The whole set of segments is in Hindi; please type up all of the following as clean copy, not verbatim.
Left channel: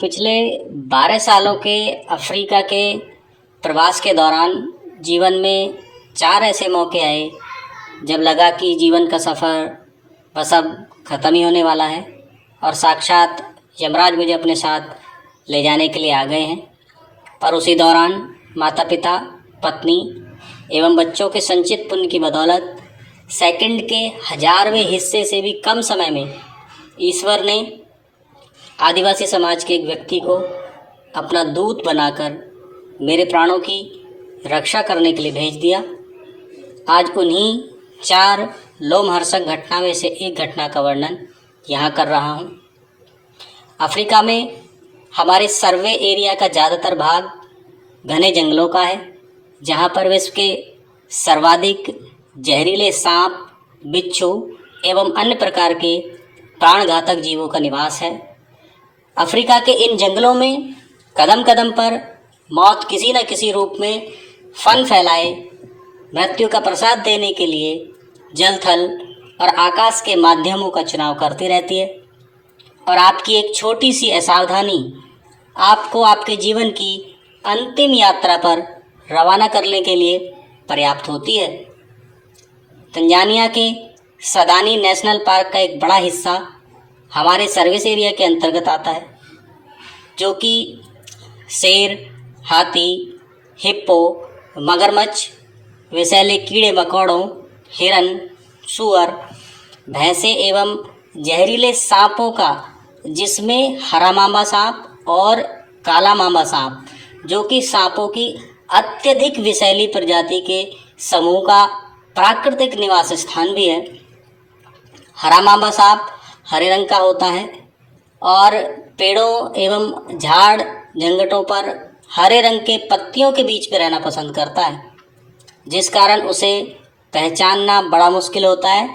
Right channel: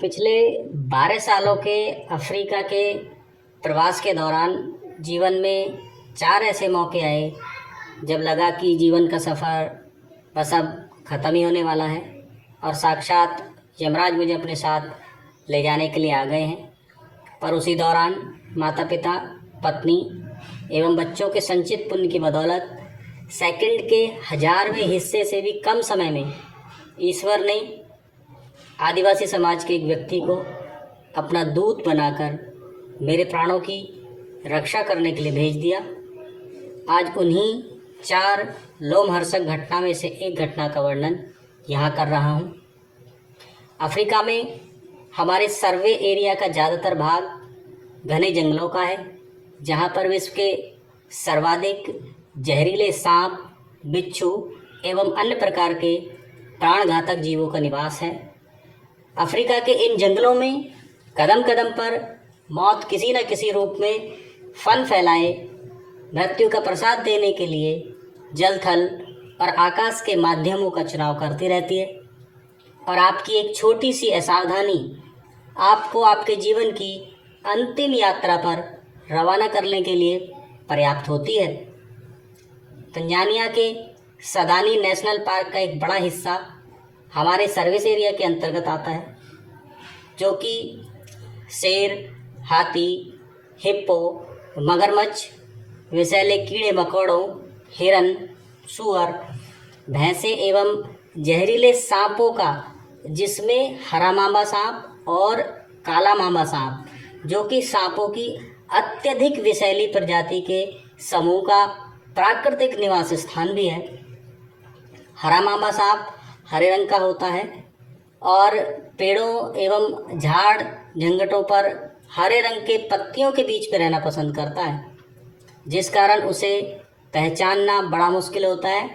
पिछले 12 सालों के अफ्रीका के प्रवास के दौरान जीवन में 4 ऐसे मौके आए जब लगा कि जीवन का सफ़र बस अब ख़त्म ही होने वाला है और साक्षात यमराज मुझे अपने साथ ले जाने के लिए आ गए हैं। पर उसी दौरान माता पिता, पत्नी एवं बच्चों के संचित पुण्य की बदौलत सेकंड के 1000वें हिस्से से भी कम समय में ईश्वर ने आदिवासी समाज के एक व्यक्ति को अपना दूत बनाकर मेरे प्राणों की रक्षा करने के लिए भेज दिया। आज उन्हीं 4 लोमहर्षक घटना में से एक घटना का वर्णन यहाँ कर रहा हूँ। अफ्रीका में हमारे सर्वे एरिया का ज़्यादातर भाग घने जंगलों का है, जहाँ पर विश्व के सर्वाधिक जहरीले सांप, बिच्छू एवं अन्य प्रकार के प्राणघातक जीवों का निवास है। अफ्रीका के इन जंगलों में कदम कदम पर मौत किसी न किसी रूप में फन फैलाए मृत्यु का प्रसाद देने के लिए जल, थल और आकाश के माध्यमों का चुनाव करती रहती है। और आपकी एक छोटी सी असावधानी आपको आपके जीवन की अंतिम यात्रा पर रवाना करने के लिए पर्याप्त होती है। तंजानिया के सदानी नेशनल पार्क का एक बड़ा हिस्सा हमारे सर्विस एरिया के अंतर्गत आता है, जो कि शेर, हाथी, हिप्पो, मगरमच्छ, विषैले कीड़े मकोड़ों, हिरन, सूअर, भैंसे एवं जहरीले सांपों का, जिसमें हरा मामा सांप और काला मामा सांप, जो कि सांपों की अत्यधिक विषैली प्रजाति के समूह का प्राकृतिक निवास स्थान भी है। हरा मामा सांप हरे रंग का होता है और पेड़ों एवं झाड़ झंगटों पर हरे रंग के पत्तियों के बीच में रहना पसंद करता है, जिस कारण उसे पहचानना बड़ा मुश्किल होता है,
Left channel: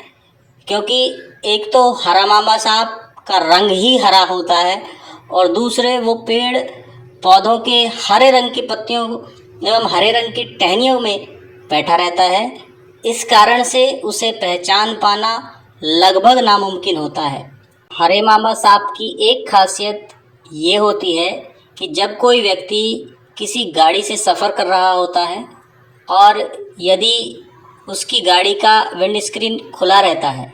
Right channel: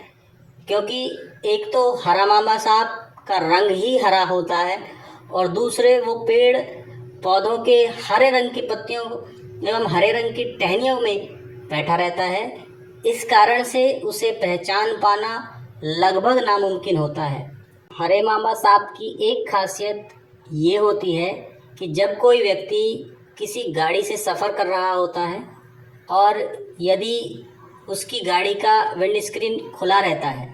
क्योंकि एक तो हरा मामा सांप का रंग ही हरा होता है और दूसरे वो पेड़ पौधों के हरे रंग की पत्तियों एवं हरे रंग की टहनियों में बैठा रहता है। इस कारण से उसे पहचान पाना लगभग नामुमकिन होता है। हरे मामा सांप की एक खासियत ये होती है कि जब कोई व्यक्ति किसी गाड़ी से सफ़र कर रहा होता है और यदि उसकी गाड़ी का विंड स्क्रीन खुला रहता है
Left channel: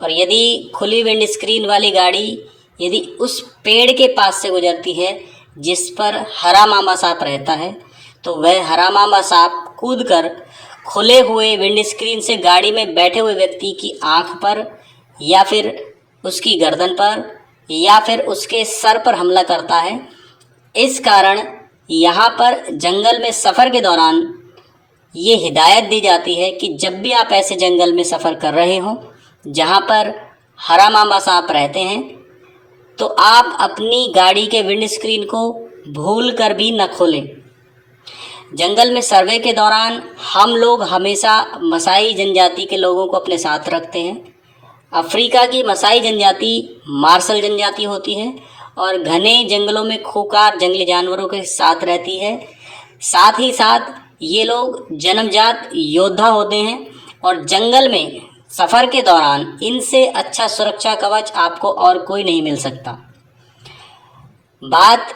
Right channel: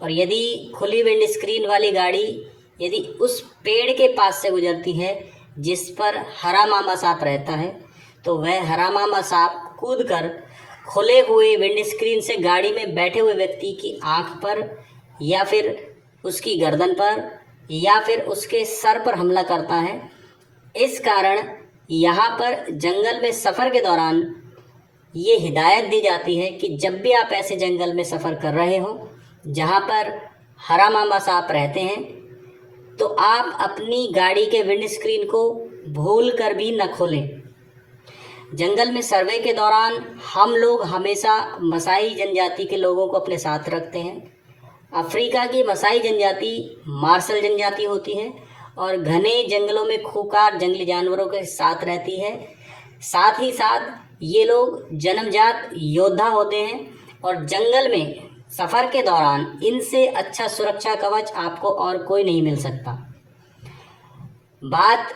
और यदि खुली विंड स्क्रीन वाली गाड़ी यदि उस पेड़ के पास से गुजरती है जिस पर हरा मामा सांप रहता है, तो वह हरा मामा सांप कूदकर खुले हुए विंड स्क्रीन से गाड़ी में बैठे हुए व्यक्ति की आंख पर या फिर उसकी गर्दन पर या फिर उसके सर पर हमला करता है। इस कारण यहाँ पर जंगल में सफ़र के दौरान ये हिदायत दी जाती है कि जब भी आप ऐसे जंगल में सफ़र कर रहे हो जहाँ पर हरा मामा सांप रहते हैं, तो आप अपनी गाड़ी के विंड स्क्रीन को भूल कर भी न खोलें। जंगल में सर्वे के दौरान हम लोग हमेशा मसाई जनजाति के लोगों को अपने साथ रखते हैं। अफ्रीका की मसाई जनजाति मार्शल जनजाति होती है और घने जंगलों में खूंखार जंगली जानवरों के साथ रहती है। साथ ही साथ ये लोग जन्मजात योद्धा होते हैं और जंगल में सफ़र के दौरान इनसे अच्छा सुरक्षा कवच आपको और कोई नहीं मिल सकता। बात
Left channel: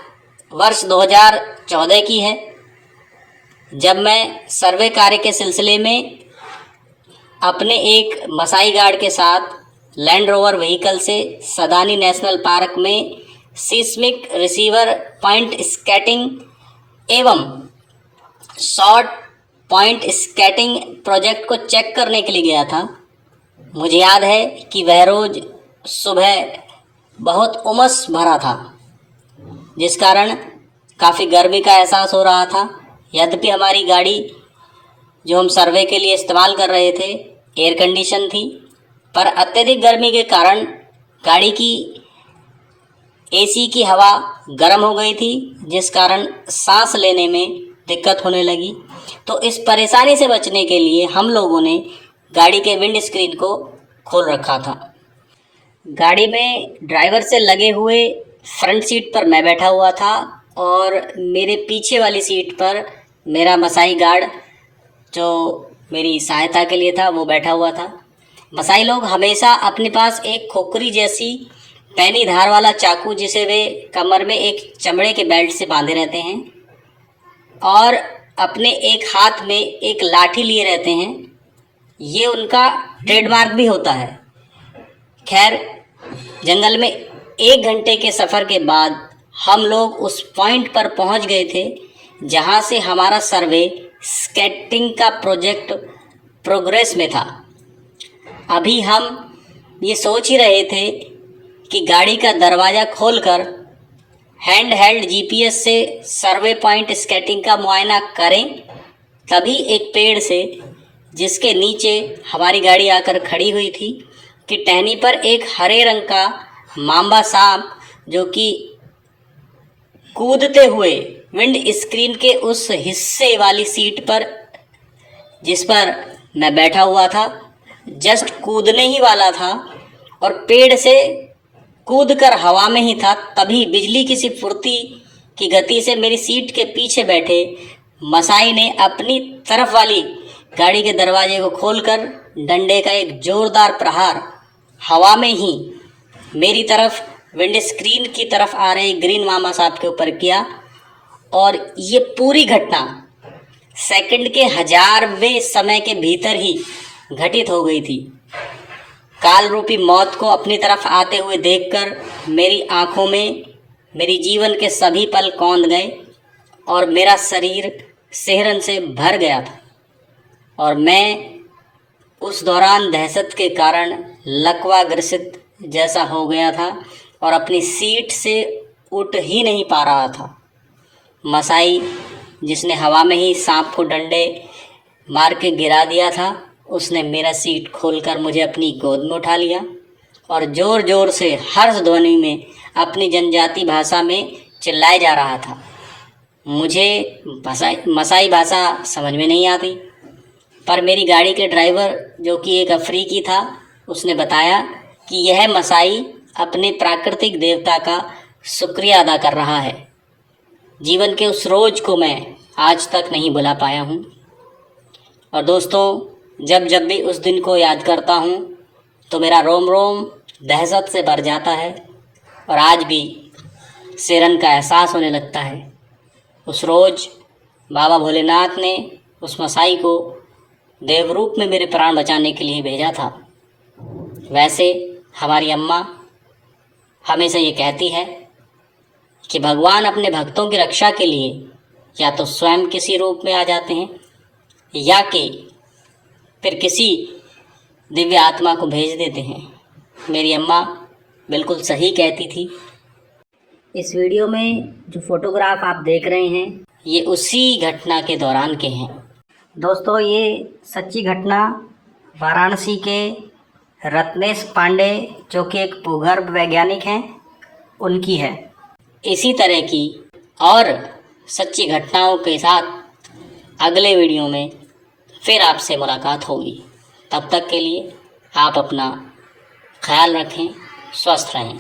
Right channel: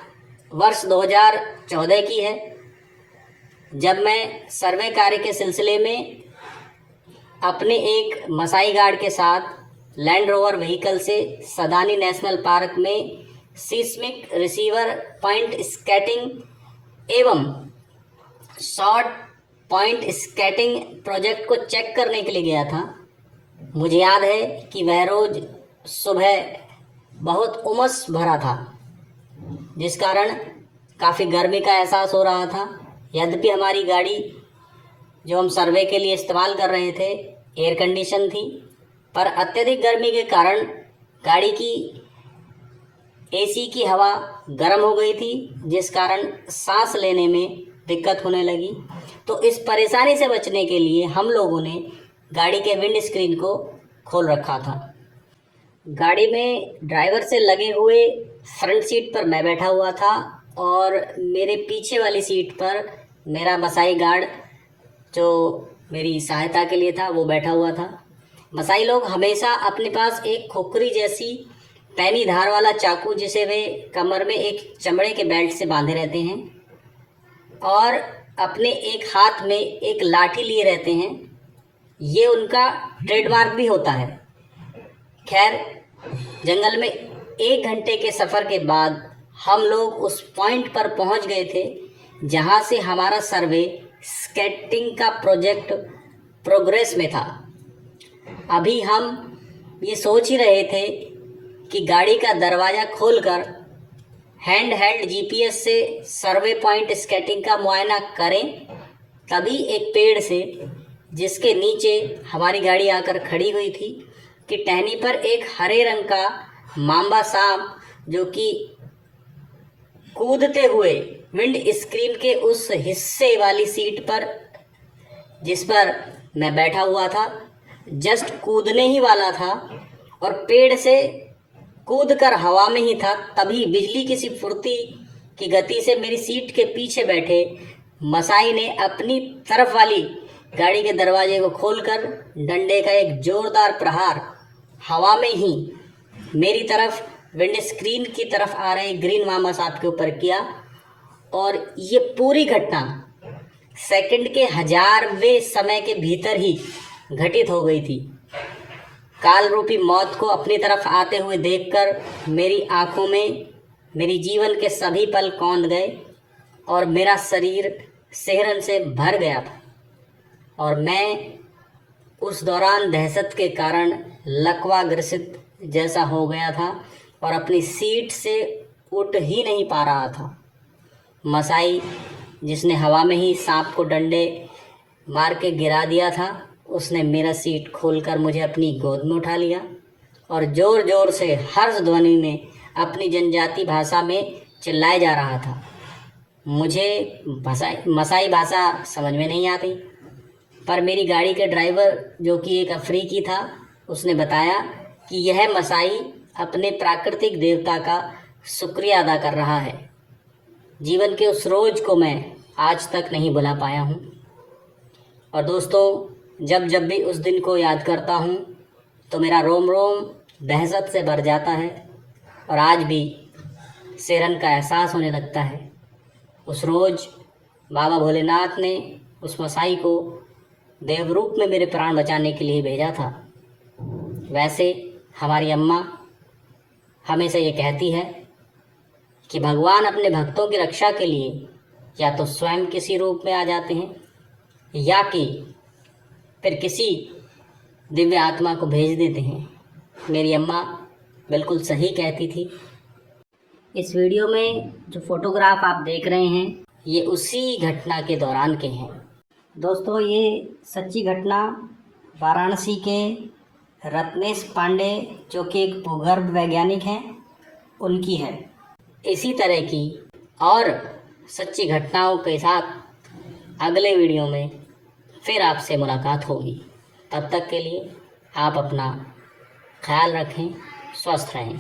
वर्ष 2014 की है, जब मैं सर्वे कार्य के सिलसिले में अपने एक मसाई गार्ड के साथ लैंड रोवर व्हीकल से सदानी नेशनल पार्क में सीस्मिक रिसीवर पॉइंट स्कैटिंग एवं शॉर्ट पॉइंट स्कैटिंग प्रोजेक्ट को चेक करने के लिए गया था। मुझे याद है कि वह रोज़ सुबह बहुत उमस भरा था, जिस कारण काफ़ी गर्मी का एहसास हो रहा था। यद्यपि हमारी गाड़ी जो हम सर्वे के लिए इस्तेमाल कर रहे थे एयर कंडीशन थी, पर अत्यधिक गर्मी के कारण गाड़ी की एसी की हवा गर्म हो गई थी, जिस कारण सांस लेने में दिक्कत होने लगी। तो इस परेशानी से बचने के लिए हम लोगों ने गाड़ी के विंड स्क्रीन को खोल रखा था। गाड़ी में ड्राइवर से लगे हुए फ्रंट सीट पर मैं बैठा हुआ था और मेरे पीछे वाली सीट पर मेरा मसाई गार्ड जो मेरी सहायता के लिए था वो बैठा हुआ था। मसाई लोग हमेशा अपने पास एक खोखरी जैसी पैनी धार वाला चाकू जिसे वे कमर में एक चमड़े के बेल्ट से बांधे रहते हैं और अपने एक हाथ में एक लाठी लिए रहते हैं। ये उनका ट्रेडमार्क भी होता है। खैर, जंगल में 1 घंटे के सफ़र के बाद हम लोग उस पॉइंट पर पहुंच गए थे जहां से हमारा सर्वे स्केटिंग का प्रोजेक्ट प्रोग्रेस में था। अभी हम ये सोच ही रहे थे कि गाड़ी का दरवाज़ा खोलकर हैंड हेल्ड जीपीएस से सर्वे पॉइंट स्केटिंग का मुआयना करें, तभी एक पेड़ से जिसके नीचे हमारी गाड़ी आकर खड़ी हुई थी कि टहनी पर एक हरे रंग का मांबा सांप, जो कि कूदते हुए विंड स्क्रीन के उस हिस्से वाली सीट पर जिस पर मैं बैठा हुआ था, जस्ट कूदने ही वाला था और पेड़ से कूदकर हवा में ही था, तभी बिजली की सी फुर्ती की गति से मेरी सीट के पीछे बैठे मसाई ने अपनी तरफ वाली गाड़ी के दरवाजे को खोलकर डंडे का एक जोरदार प्रहार हवा में ही मेरी तरफ विंड स्क्रीन की तरफ आ रहे ग्रीन मामा साहब के ऊपर किया। और ये पूरी घटना सेकंड के 1000वें समय के भीतर ही घटित हो गई थी। काल रूपी मौत को अपनी तरफ आते हुए देखकर मेरी आंखों में मेरी जीवन के सभी पल कौंध गए और मेरा शरीर सिहरन से भर गया था और मैं उस दौरान दहशत के कारण लकवा ग्रसित जैसा हो गया था और अपनी सीट से उठ ही नहीं पा रहा था। मसाई, जिसने हवा में ही सांप को डंडे मार के गिरा दिया था, उसने मेरा सीट खोलकर मुझे अपनी गोद में उठा लिया और ज़ोर ज़ोर से हर्ष ध्वनि में अपनी जनजाति भाषा में चिल्लाए जा रहा था। मुझे मसाई भाषा समझ में नहीं आती, पर मेरी गाड़ी के ड्राइवर, जो कि एक अफ्रीकी था, उसने बताया कि यह मसाई अपने प्राकृतिक देवता का शुक्रिया अदा कर रहा है। जीवन के उस रोज़ को मैं आज तक नहीं भुला पाया हूँ। और दोस्तों, जब जब भी उस दिन को याद करता हूँ तो मेरा रोम रोम दहशत से भर जाता है और आज भी सिरन का एहसास होने लगता है। उस रोज़ बाबा भोलेनाथ ने उस मसाई को देवरूप में मेरे प्राण बचाने के लिए भेजा था। वैसे हमारी अम्मा हमेशा ये कहती है कि भगवान अपने भक्तों की रक्षा के लिए या तो स्वयं किसी रूप में आ जाते हैं या कि फिर किसी दिव्य आत्मा को भेज देते हैं। मेरी अम्मा बिल्कुल सही कहती थी। इस वीडियो में जो फ़ोटोग्राफ आप देख रहे हैं, ये उसी घटना के दौरान के हैं। दोस्तों, ये सच्ची घटना वाराणसी के रत्नेश पांडे, जो कि एक भूगर्भ वैज्ञानिक हैं, उनकी है। इसी तरह की और सच्ची घटनाओं के साथ अगले वीडियो में फिर आपसे मुलाकात होगी। तब तक के लिए आप अपना ख्याल रखें, स्वस्थ रहें।